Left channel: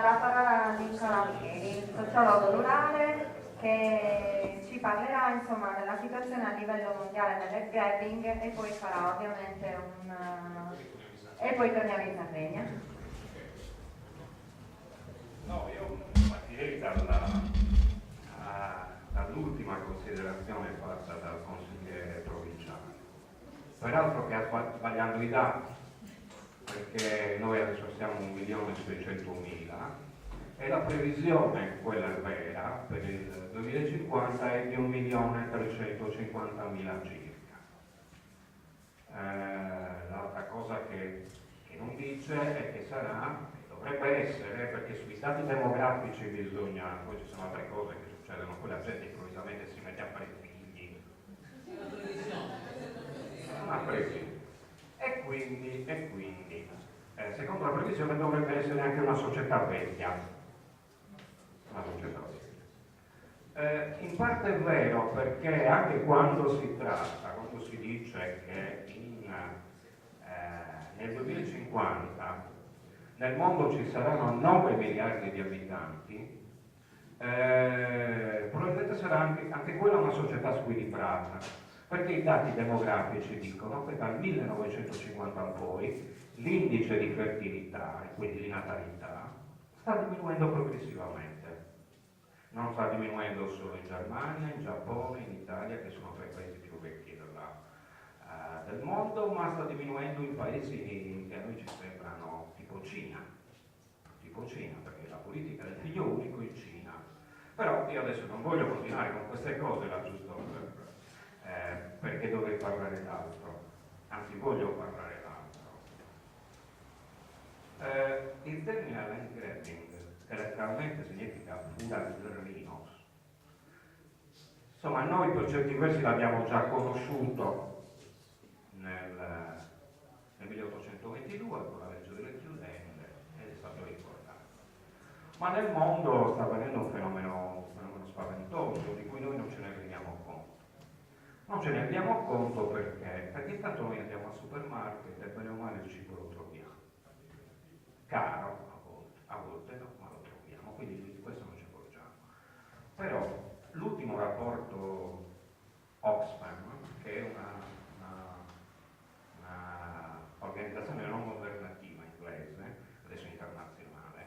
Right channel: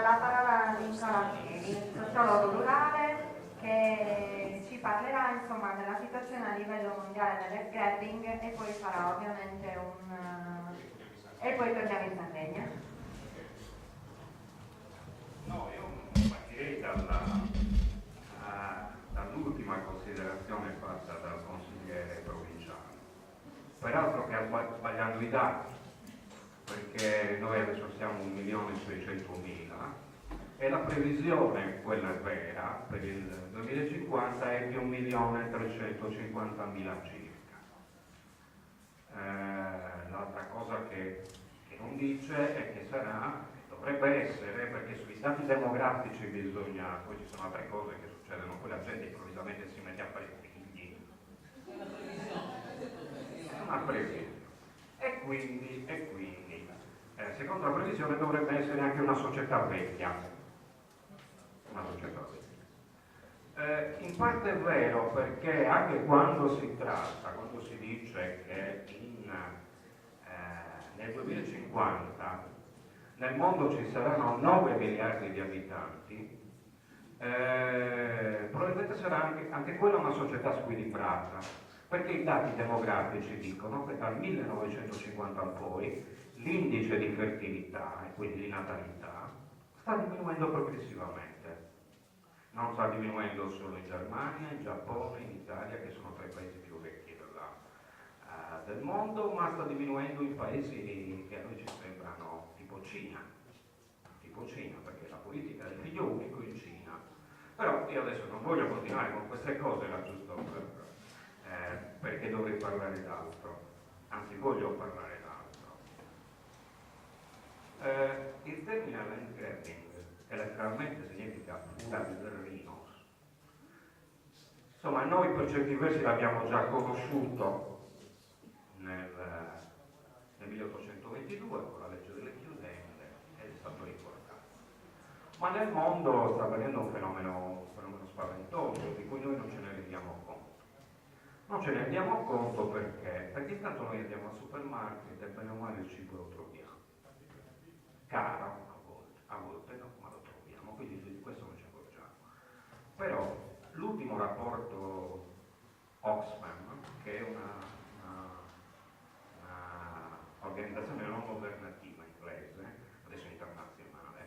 la parola a Nicola Pieri, sociologo rurale, che ci parlerà insomma della situazione a livello mondiale del grabbing e poi farà ovviamente e poi torniamo in Sardegna. No, io partirei dall'ultima considerazione fatta dal consigliere provinciale, peraltro che ha sbagliato i dati, perché noi adesso siamo 1.600.000 e la previsione, quella vera, per il 2050 è di 1.350.000 circa. L'altra cosa che non dice è che sarà, che dovrebbe essere, perché sui dati demografici bisogna, poi ci sono altre cose che succedono, poi la gente improvvisamente si mette a fare figli. È una previsione. E quindi secondo la previsione dovrebbe essere anche una società vecchia. Una società vecchia. In parte è vero, perché anche quando si dice che nel 2050 nel mondo ci saranno 9 miliardi di abitanti, probabilmente sarà anche quella una società squilibrata, perché i dati demografici dicono che dal 1950 in poi l'indice di fertilità e quindi di natalità sta diminuendo progressivamente. Non sta diminuendo solo in Germania, in Giappone, in Italia, che sono tra i paesi più vecchi del mondo, ma sta diminuendo in paesi che a noi ci sembrano tipo Cina, perché la politica del figlio unico in Cina. Però io adesso non voglio continuare con queste cose, era giusto perché dovrei parlare d'altro, anzi voglio parlare d'altro. Il termine land grabbing, che letteralmente significa fura di terreno, insomma noi per certi versi l'abbiamo già conosciuto nel 1822 con la legge delle chiudende ed è stato ricordato. Ma nel mondo sta avvenendo un fenomeno spaventoso di cui noi non ce ne rendiamo conto. Non ce ne rendiamo conto perché tanto noi andiamo al supermarket e bene o male il cibo lo troviamo. Caro a volte no, ma lo troviamo, quindi di questo non ci accorgiamo. Però l'ultimo rapporto Oxfam, che è una organizzazione non governativa inglese, adesso internazionale,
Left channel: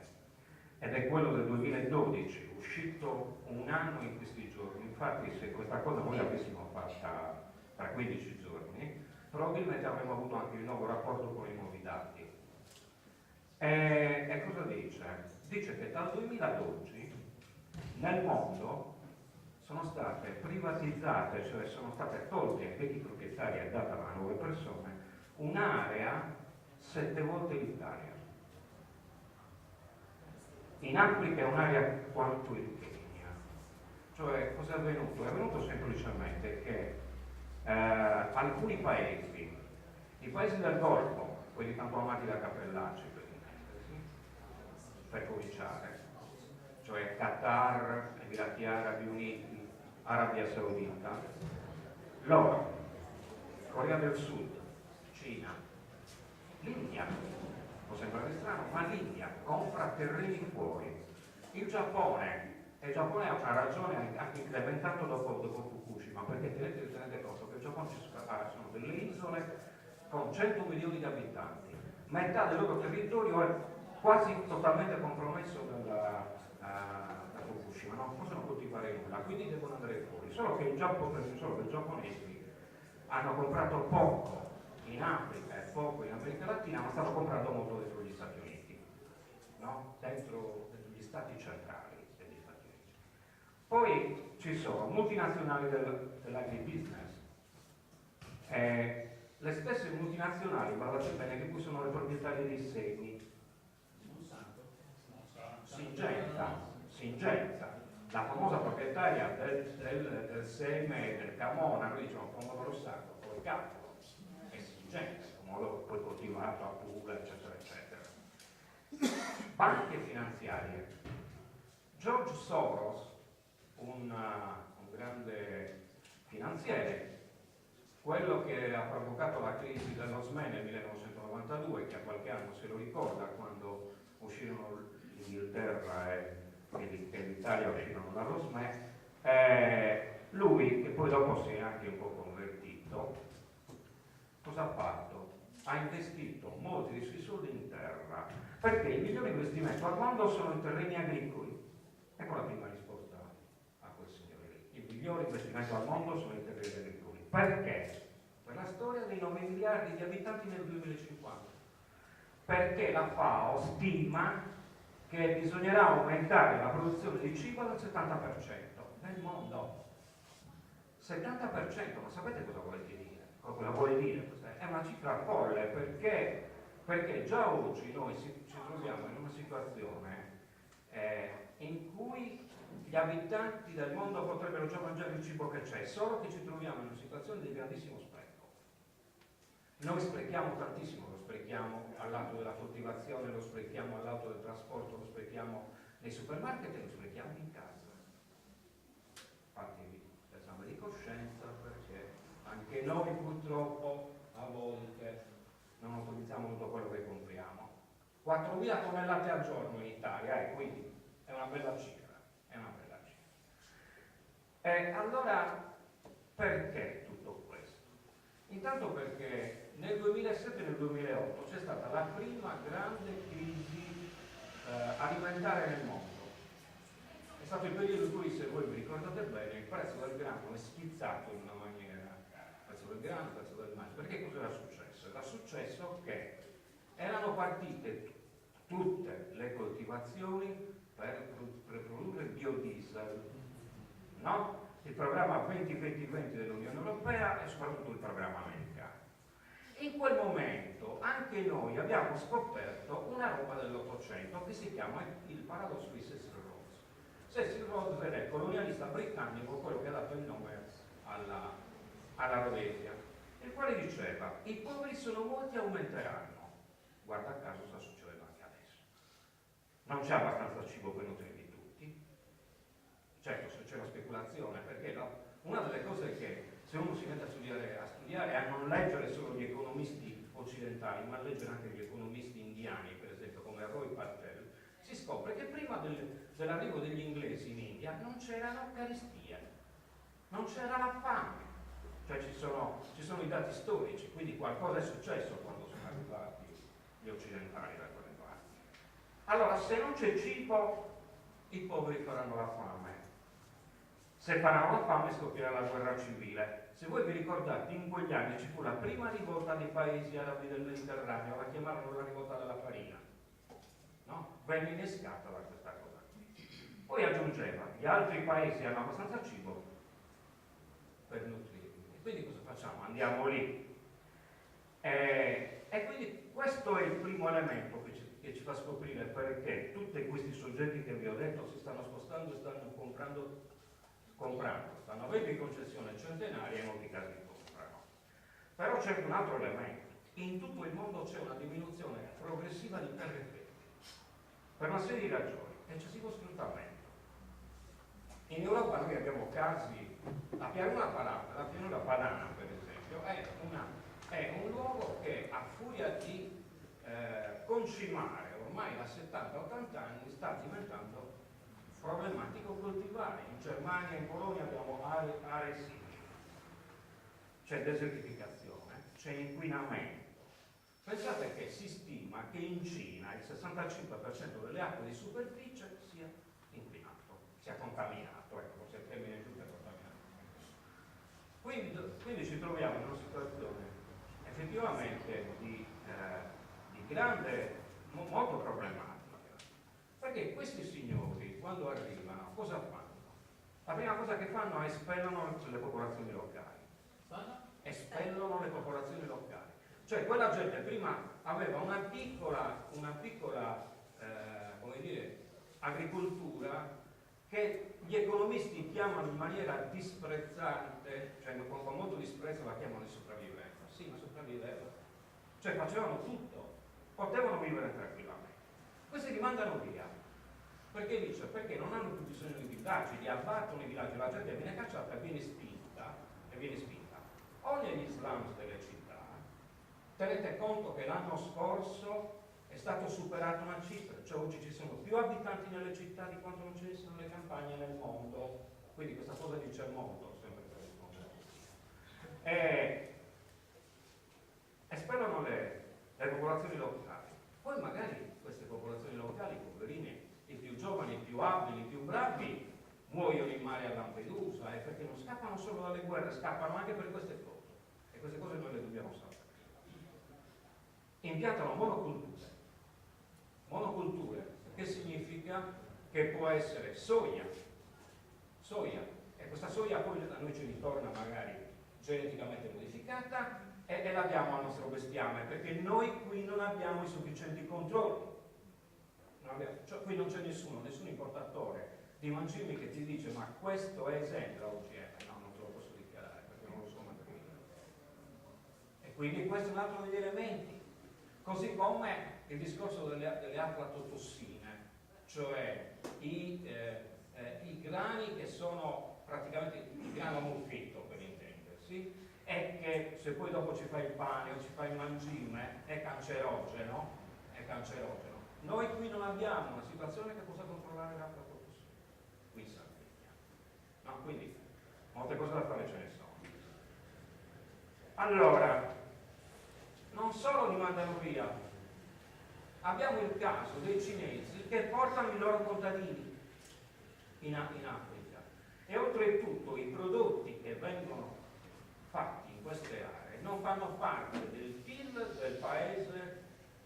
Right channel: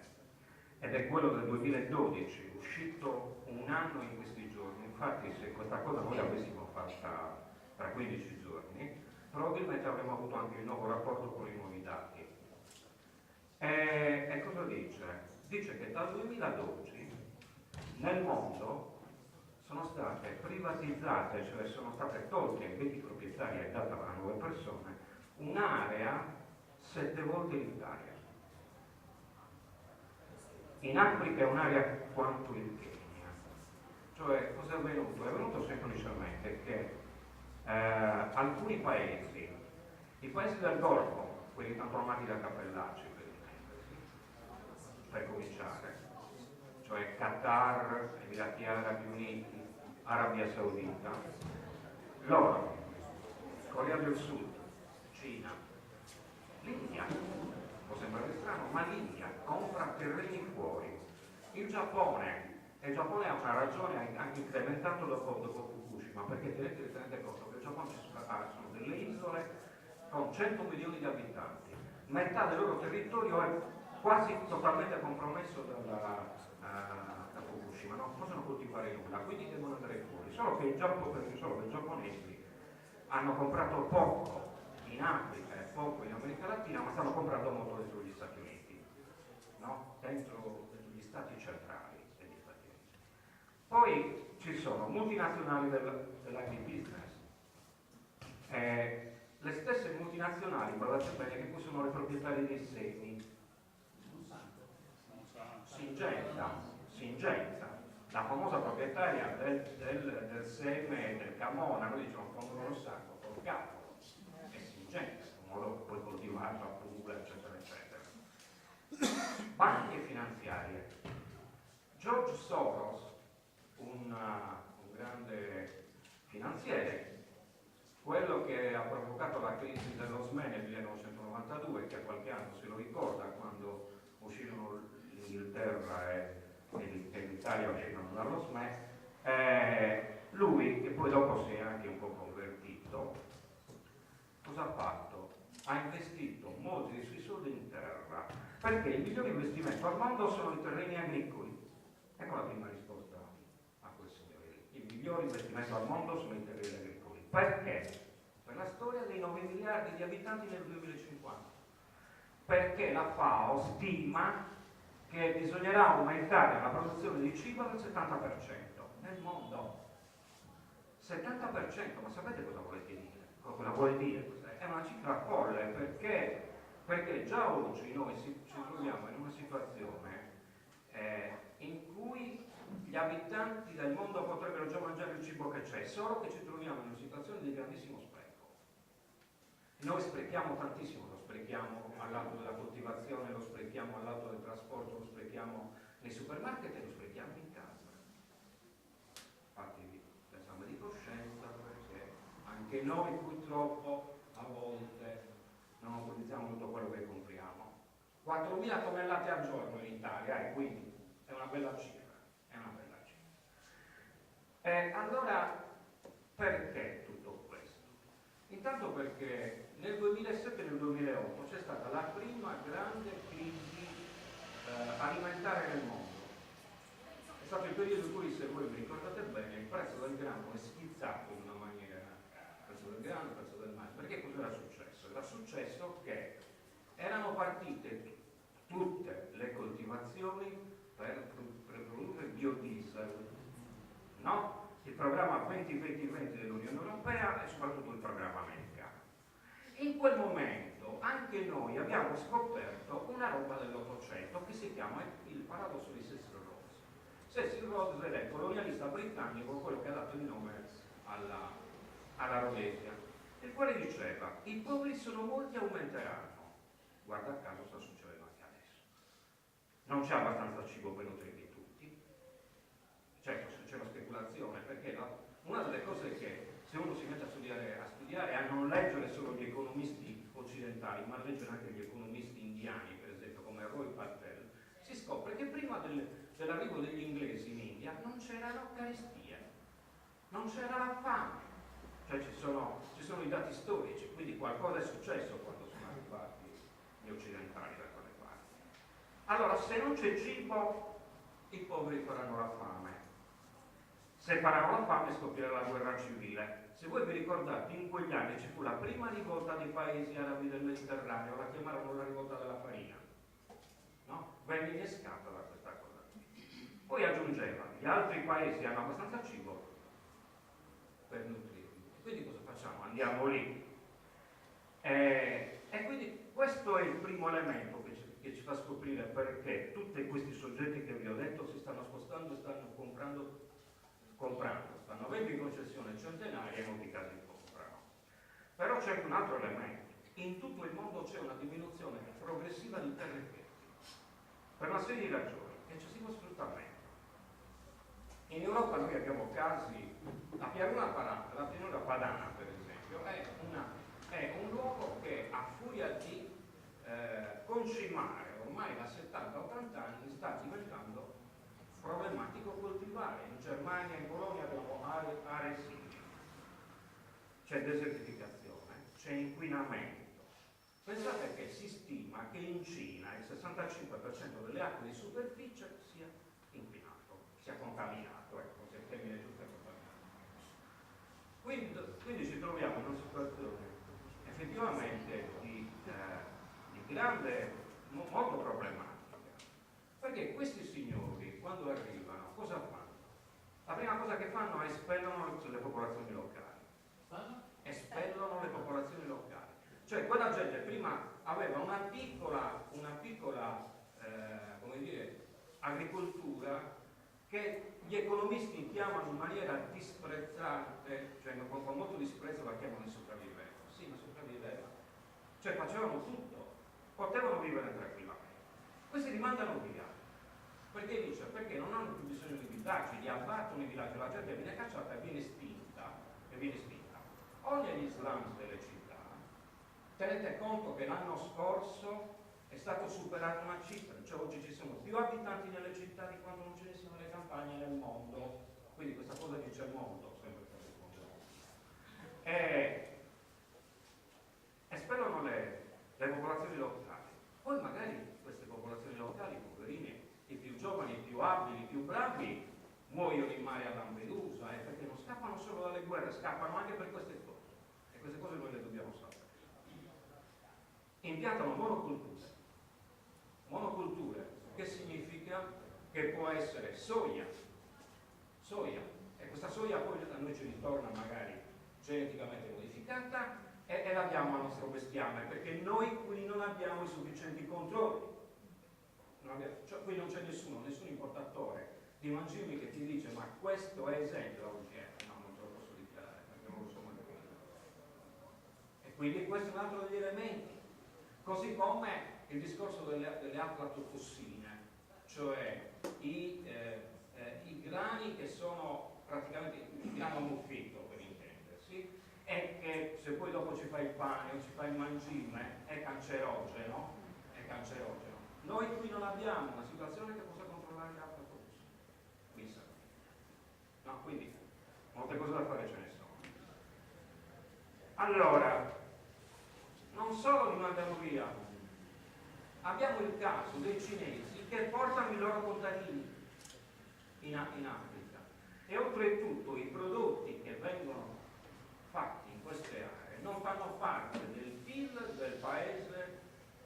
ed è quello del 2012, uscito un anno in questi giorni. Infatti se questa cosa noi l'avessimo fatta tra 15 giorni, probabilmente avremmo avuto anche il nuovo rapporto con i nuovi dati. E cosa dice? Dice che dal 2012 nel mondo sono state privatizzate, cioè sono state tolte ai vecchi proprietari e date a nuove persone, un'area 7 volte l'Italia. In Africa è un'area quanto il Kenya. Cioè, cosa è avvenuto? È avvenuto semplicemente che alcuni paesi, i paesi del Golfo, quelli tanto amati da Cappellacci per intendersi, per cominciare, cioè Qatar, Emirati Arabi Uniti, Arabia Saudita, loro, Corea del Sud, Cina, l'India, può sembrare strano, ma l'India compra terreni fuori. Il Giappone ha una ragione anche incrementato dopo Fukushima, perché tenete conto che il Giappone sono delle isole con 100 milioni di abitanti, metà del loro territorio è quasi totalmente compromesso da Fukushima, non possono coltivare nulla, quindi devono andare fuori, solo che i giapponesi hanno comprato poco in Africa e poco in America Latina, ma stanno comprando molto dentro gli Stati Uniti, no? dentro gli stati centrali degli Stati Uniti. Poi ci sono multinazionali dell'agribusiness, le stesse multinazionali, guardate bene, che qui sono le proprietarie dei semi. Singenza, la famosa proprietaria del seme del Camona, noi diciamo pomodoro sacco, poi capo, è Singenza, pomodoro poi coltivato a Puglia, eccetera, eccetera. Banche finanziarie. George Soros, un grande finanziere, quello che ha provocato la crisi dello SME nel 1992, che a qualche anno se lo ricorda, quando uscirono gli l'Inghilterra e l'Italia uscirono dallo SME, lui, che poi dopo si è anche un po' convertito, cosa ha fatto? Ha investito molti dei suoi soldi in terra, perché il migliore investimento al mondo sono i terreni agricoli. Ecco la prima risposta a quel signore lì. Il migliore investimento al mondo sono i terreni agricoli. Perché? Per la storia dei 9 miliardi di abitanti nel 2050. Perché la FAO stima che bisognerà aumentare la produzione di cibo del 70% nel mondo. 70%, ma sapete cosa vuole dire? Cosa vuole dire? È una cifra folle, perché già oggi noi ci troviamo in una situazione in cui gli abitanti del mondo potrebbero già mangiare il cibo che c'è, solo che ci troviamo in una situazione di grandissimo spreco. Noi sprechiamo tantissimo, lo sprechiamo al lato della coltivazione, lo sprechiamo al lato del trasporto, lo sprechiamo nei supermarket e lo sprechiamo in casa. Fatevi l'esame di coscienza, perché anche noi purtroppo a volte non utilizziamo tutto quello che compriamo. 4.000 tonnellate al giorno in Italia, quindi è una bella cifra, è una bella cifra. Allora, perché tutto questo? Intanto perché nel 2007 e nel 2008 c'è stata la prima grande crisi alimentare nel mondo. È stato il periodo in cui, se voi vi ricordate bene, il prezzo del grano è schizzato in una maniera, il prezzo del grano, il prezzo del mais. Perché cosa era successo? Era successo che erano partite tutte le coltivazioni per produrre biodiesel, no? Il programma 20-20-20 dell'Unione Europea e soprattutto il programma americano. In quel momento anche noi abbiamo scoperto una roba dell'Ottocento che si chiama il paradosso di Cecil Rhodes. Cecil Rhodes era il colonialista britannico, quello che ha dato il nome alla Rhodesia, il quale diceva: i poveri sono molti e aumenteranno. Guarda caso sta succedendo anche adesso. Non c'è abbastanza cibo per nutrirli tutti. Certo, se c'è la speculazione, perché una delle cose che se uno si mette a studiare è a non leggere solo gli economisti occidentali, ma a leggere anche gli economisti indiani, per esempio come Roy Patel, si scopre che prima dell'arrivo degli inglesi in India non c'era la carestia, non c'era la fame. Cioè ci sono i dati storici, quindi qualcosa è successo quando sono arrivati gli occidentali da quelle parti. Allora, se non c'è cibo, i poveri faranno la fame. Se faranno la fame scoppierà la guerra civile. Se voi vi ricordate, in quegli anni ci fu la prima rivolta dei paesi arabi del Mediterraneo, la chiamarono la rivolta della farina, no? Venne innescata da questa cosa. Poi aggiungeva: gli altri paesi hanno abbastanza cibo per nutrirli. E quindi cosa facciamo? Andiamo lì. E quindi questo è il primo elemento che ci fa scoprire perché tutti questi soggetti che vi ho detto si stanno spostando e stanno comprando, stanno avendo in concessione centenaria e in molti casi comprano. Però c'è un altro elemento: in tutto il mondo c'è una diminuzione progressiva di terre fertili per una serie di ragioni, eccessivo sfruttamento. In Europa noi abbiamo casi, la pianura padana per esempio è un luogo che a furia di concimare ormai da 70-80 anni sta diventando problematico coltivare. In Germania e in Polonia abbiamo aree simili, c'è desertificazione, c'è inquinamento. Pensate che si stima che in Cina il 65% delle acque di superficie sia inquinato, sia contaminato, ecco, forse il termine giusto è contaminato. Quindi ci troviamo in una situazione effettivamente di grande, molto problematica. Perché questi signori, quando arrivano, cosa fanno? La prima cosa che fanno è espellono le popolazioni locali. Espellono le popolazioni locali. Cioè quella gente prima aveva una piccola come dire, agricoltura che gli economisti chiamano in maniera disprezzante, cioè con molto disprezzo la chiamano di sopravvivenza. Sì, ma sopravviveva. Cioè facevano tutto, potevano vivere tranquillamente. Questi li mandano via. Perché dice? Perché non hanno più bisogno di villaggi, li abbattono i villaggi, la gente viene cacciata e viene spinta. O negli slums delle città, tenete conto che l'anno scorso è stato superato una cifra, cioè oggi ci sono più abitanti nelle città di quanto non ce ne siano nelle campagne nel mondo. Quindi questa cosa dice il mondo, sempre per rispondere. E spellono le popolazioni locali. Poi magari queste popolazioni locali, poverine, i più giovani, i più abili, i più bravi, muoiono in mare a Lampedusa, perché non scappano solo dalle guerre, scappano anche per queste cose. E queste cose noi le dobbiamo sapere. Impiantano monoculture, che significa che può essere soia, e questa soia poi a noi ci ritorna magari geneticamente modificata e la diamo al nostro bestiame, perché noi qui non abbiamo i sufficienti controlli. Cioè, qui non c'è nessun importatore di mangimi che ti dice ma questo è esente da OGM. No, non te lo posso dichiarare perché non lo so manco io. E quindi questo è un altro degli elementi. Così come il discorso delle aflatotossine, cioè i grani che sono praticamente il grano muffito, per intendersi, e che se poi dopo ci fai il pane o ci fai il mangime è cancerogeno. Noi qui non abbiamo una situazione che possa controllare le aflatotossine, qui in Sardegna. No, quindi molte cose da fare ce ne sono. Allora, non solo li mandano via, abbiamo il caso dei cinesi che portano i loro contadini in Africa e oltretutto i prodotti che vengono fatti in queste aree non fanno parte del PIL del paese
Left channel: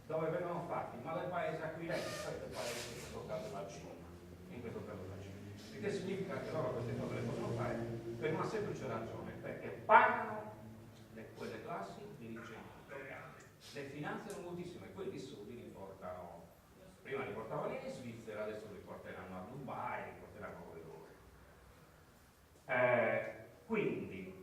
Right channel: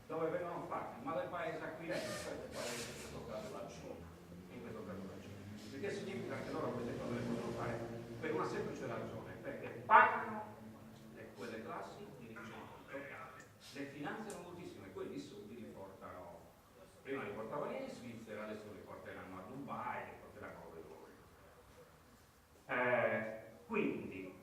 dove vengono fatti, ma del paese acquirente, cioè del paese, in questo caso la Cina. Il che significa che loro queste cose le possono fare per una semplice ragione, perché pagano quelle classi dirigenti locali, le finanziano moltissimo e quelli soldi li portano, prima li portavano in Svizzera, adesso li porteranno a Dubai, li porteranno dove. Quindi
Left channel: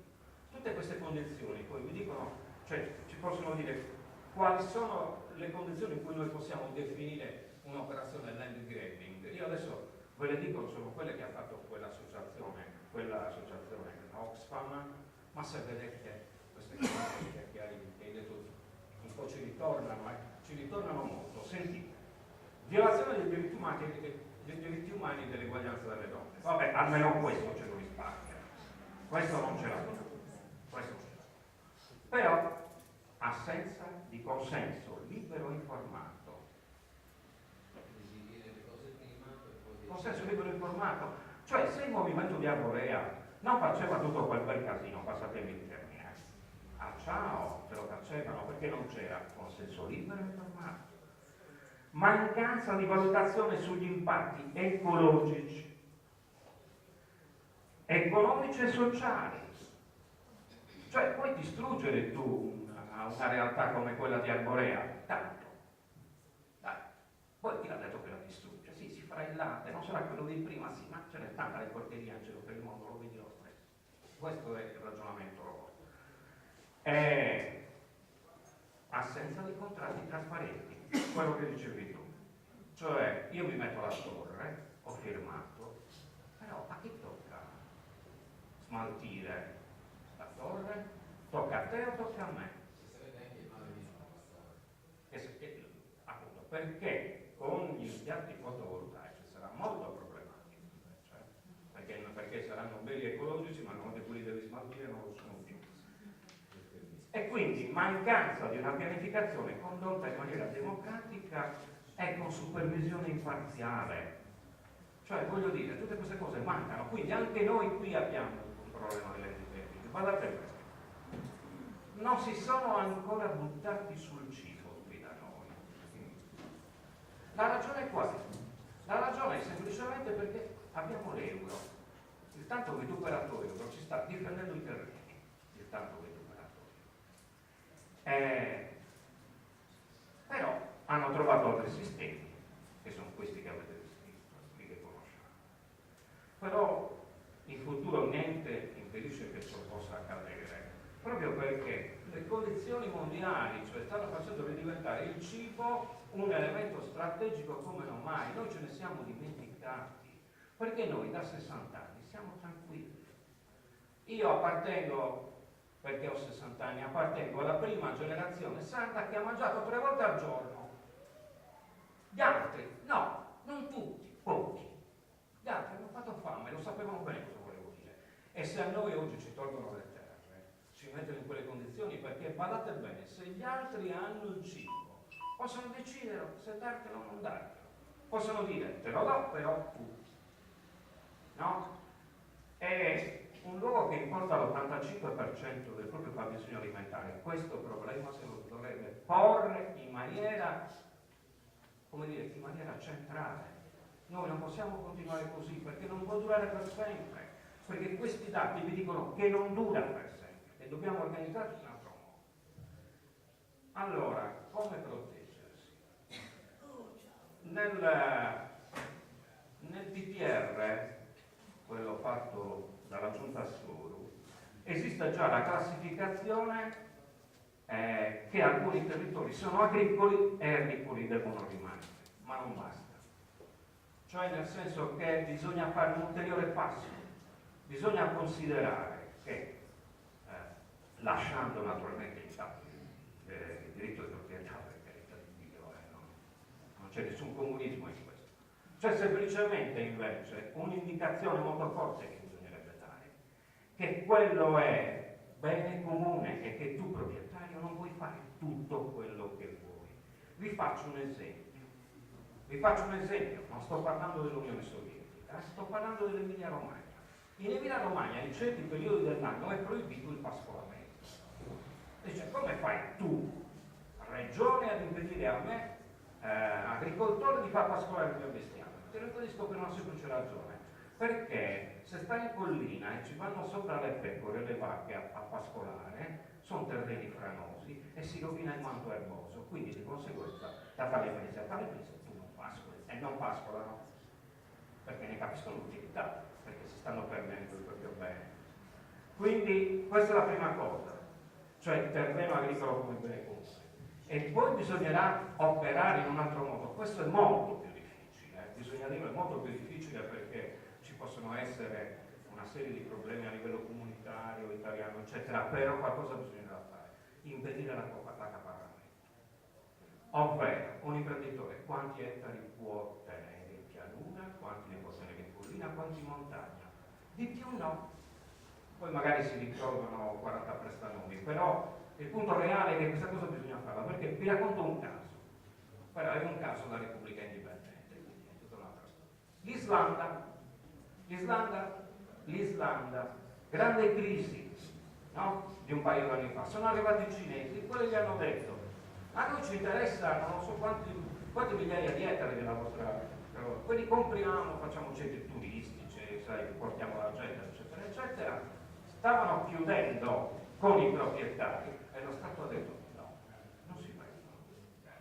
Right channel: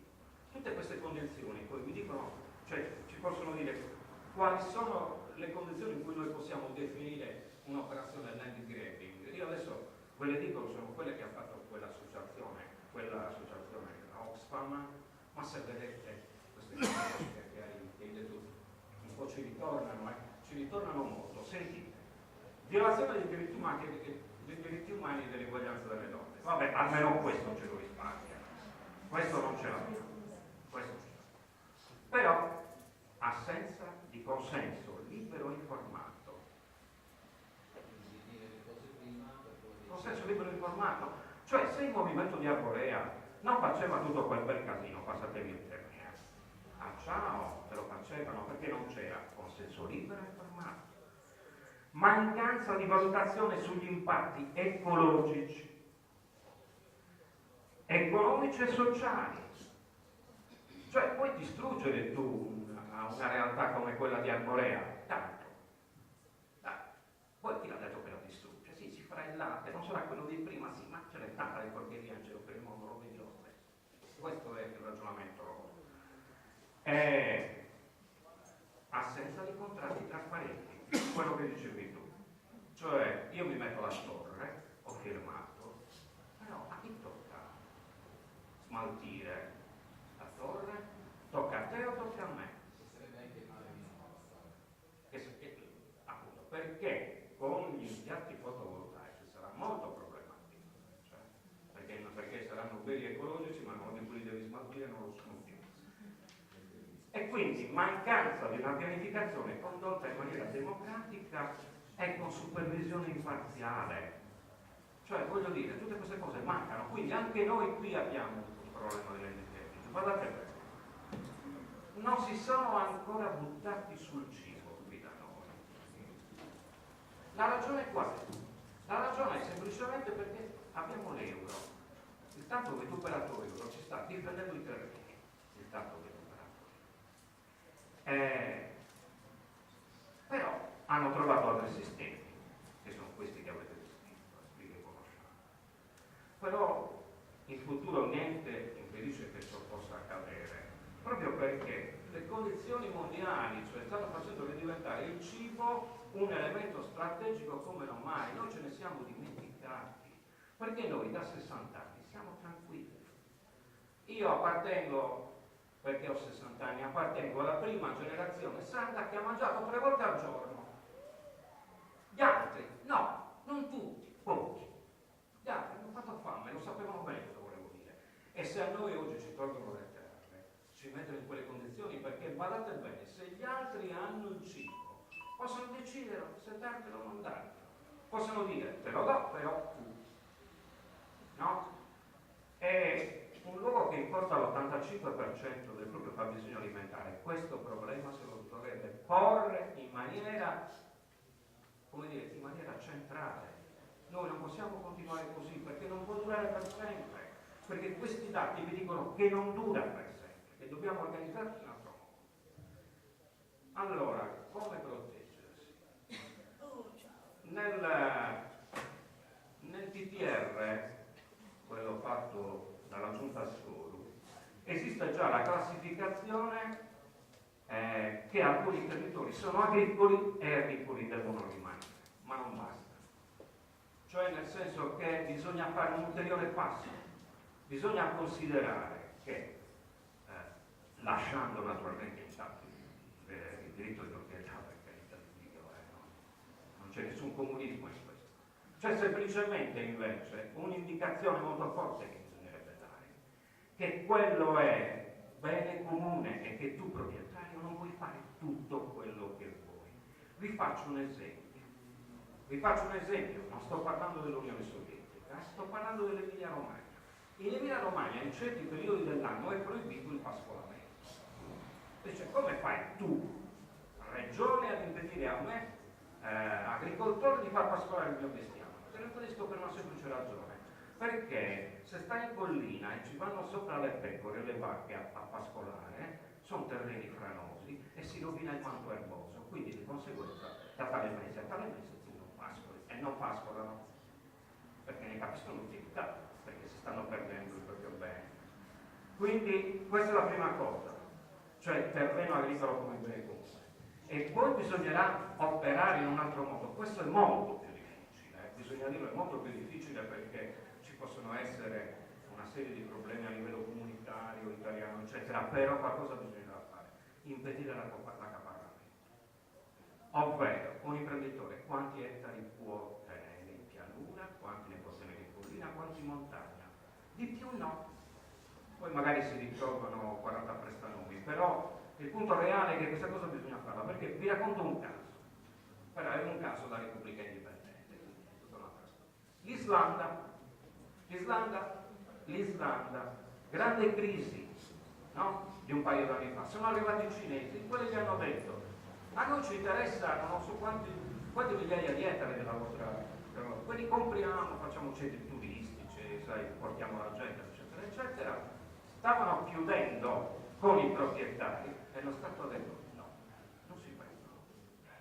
tutte queste condizioni poi mi dicono, cioè ci possono dire quali sono le condizioni in cui noi possiamo definire un'operazione land grabbing. Io adesso ve le dico, sono quelle che ha fatto quell'associazione, la Oxfam, ma se vedete queste cose che hai detto un po' ci ritornano molto. Sentite, violazione dei diritti umani e dell'eguaglianza delle donne. Vabbè, almeno questo ce lo risparmia. Questo non ce l'abbiamo. Però assenza di consenso libero e informato. Consenso libero e informato. Cioè, se il movimento di Arborea non faceva tutto quel bel casino, passatemi il termine, ciao, se lo facevano perché non c'era consenso libero e informato. Mancanza di valutazione sugli impatti ecologici, economici e sociali. Cioè, puoi distruggere tu una realtà come quella di Arborea, tanto. Dai, poi chi l'ha detto che la distrugge? Sì, si farà il latte, non sarà quello di prima, sì, ma ce n'è tanta le porcherie in giro per il mondo, lo vedi lo stesso. Questo è il ragionamento. Assenza di contratti trasparenti, quello che dicevi tu. Cioè, io mi metto la torre, ho firmato, però a chi tocca smaltire la torre? Tocca a te o tocca a me? Ci sarebbe anche il male minore la storia. Appunto, perché con gli impianti fotovoltaici sarà molto problematico, cioè, perché saranno belli ecologici, ma quando quelli devi smaltire non lo sono più. E quindi mancanza di una pianificazione condotta in maniera democratica e con supervisione imparziale. Cioè, voglio dire, tutte queste cose mancano, quindi anche noi qui abbiamo un problema dell'endemia. Guardate questo. Non si sono ancora buttati sul cibo qui da noi. La ragione qual è? La ragione è semplicemente perché abbiamo l'euro. Il tanto vituperato euro ci sta difendendo i terreni. Il tanto vituperato. Però hanno trovato altri sistemi, che sono questi che avete descritto, quelli che conosciamo. Però in futuro niente impedisce che ciò possa accadere, proprio perché le condizioni mondiali, cioè, stanno facendo diventare il cibo un elemento strategico come non mai. Noi ce ne siamo dimenticati, perché noi da 60 anni siamo tranquilli. Io appartengo, perché ho 60 anni, appartengo alla prima generazione sarda che ha mangiato 3 volte al giorno. Gli altri, no, non se a noi oggi ci tolgono le terre, ci mettono in quelle condizioni, perché badate bene, se gli altri hanno il cibo, possono decidere se dartelo o non dartelo. Possono dire, te lo do, però tu. No? È un luogo che importa l'85% del proprio fabbisogno alimentare. Questo problema se lo dovrebbe porre in maniera, come dire, in maniera centrale. Noi non possiamo continuare così, perché non può durare per sempre. Perché questi dati vi dicono che non dura per sempre e dobbiamo organizzarci in un altro modo. Allora, come proteggersi? Nel PPR, quello fatto dalla Giunta Soru, esiste già la classificazione che alcuni territori sono agricoli e agricoli devono rimanere, ma non basta. Cioè nel senso che bisogna fare un ulteriore passo. Bisogna considerare che, lasciando naturalmente intatto il diritto di proprietà, per carità di Dio, non c'è nessun comunismo in questo, c'è semplicemente invece un'indicazione molto forte che bisognerebbe dare, che quello è bene comune e che tu proprietario non puoi fare tutto quello che vuoi. Vi faccio un esempio, non sto parlando dell'Unione Sovietica, sto parlando dell'Emilia Romagna. In Emilia Romagna in certi periodi dell'anno è proibito il pascolamento. Cioè, come fai tu, regione, ad impedire a me, agricoltore, di far pascolare il mio bestiame? Te lo impedisco per una semplice ragione. Perché se stai in collina e ci vanno sopra le pecore e le vacche a pascolare, sono terreni franosi e si rovina il manto erboso. Quindi di conseguenza da tale mese a tale mese tu non pascoli e non pascolano perché ne capiscono l'utilità, perché si stanno perdendo il proprio bene. Quindi questa è la prima cosa, cioè il terreno agricolo come bene comune. E poi bisognerà operare in un altro modo. Questo è molto più difficile, bisogna dire, è molto più difficile perché ci possono essere una serie di problemi a livello comunitario, italiano, eccetera, però qualcosa bisognerà fare, impedire l'accaparramento. Ovvero, un imprenditore quanti ettari può tenere in pianura, quanti ne può tenere in collina, quanti in montagna? Di più no. Poi magari si ritrovano 40 prestanomi, però il punto reale è che questa cosa bisogna farla, perché vi racconto un caso. Però è un caso da Repubblica Indipendente, quindi è tutta un'altra storia. L'Islanda, grande crisi, no? Di un paio d'anni fa. Sono arrivati i cinesi, quelli gli hanno detto: a noi ci interessa non so quante migliaia di ettari della vostra, quelli compriamo, facciamo centri turistici, sai, portiamo la gente, eccetera, eccetera. Stavano chiudendo con i proprietari e lo Stato ha detto: no, non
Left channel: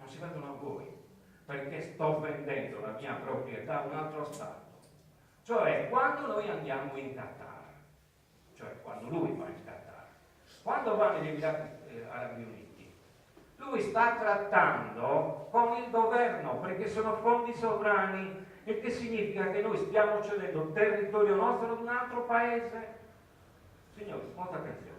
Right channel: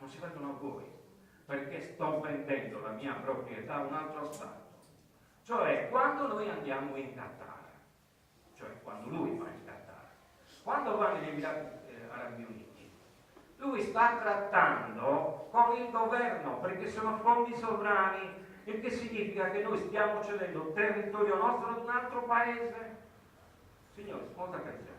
si vendono a voi, perché sto vendendo la mia proprietà a un altro Stato. Cioè, quando noi andiamo in Qatar, cioè quando lui va in Qatar, quando va negli Emirati Arabi Uniti, lui sta trattando con il governo, perché sono fondi sovrani, il che significa che noi stiamo cedendo territorio nostro ad un altro paese. Signori, molta attenzione.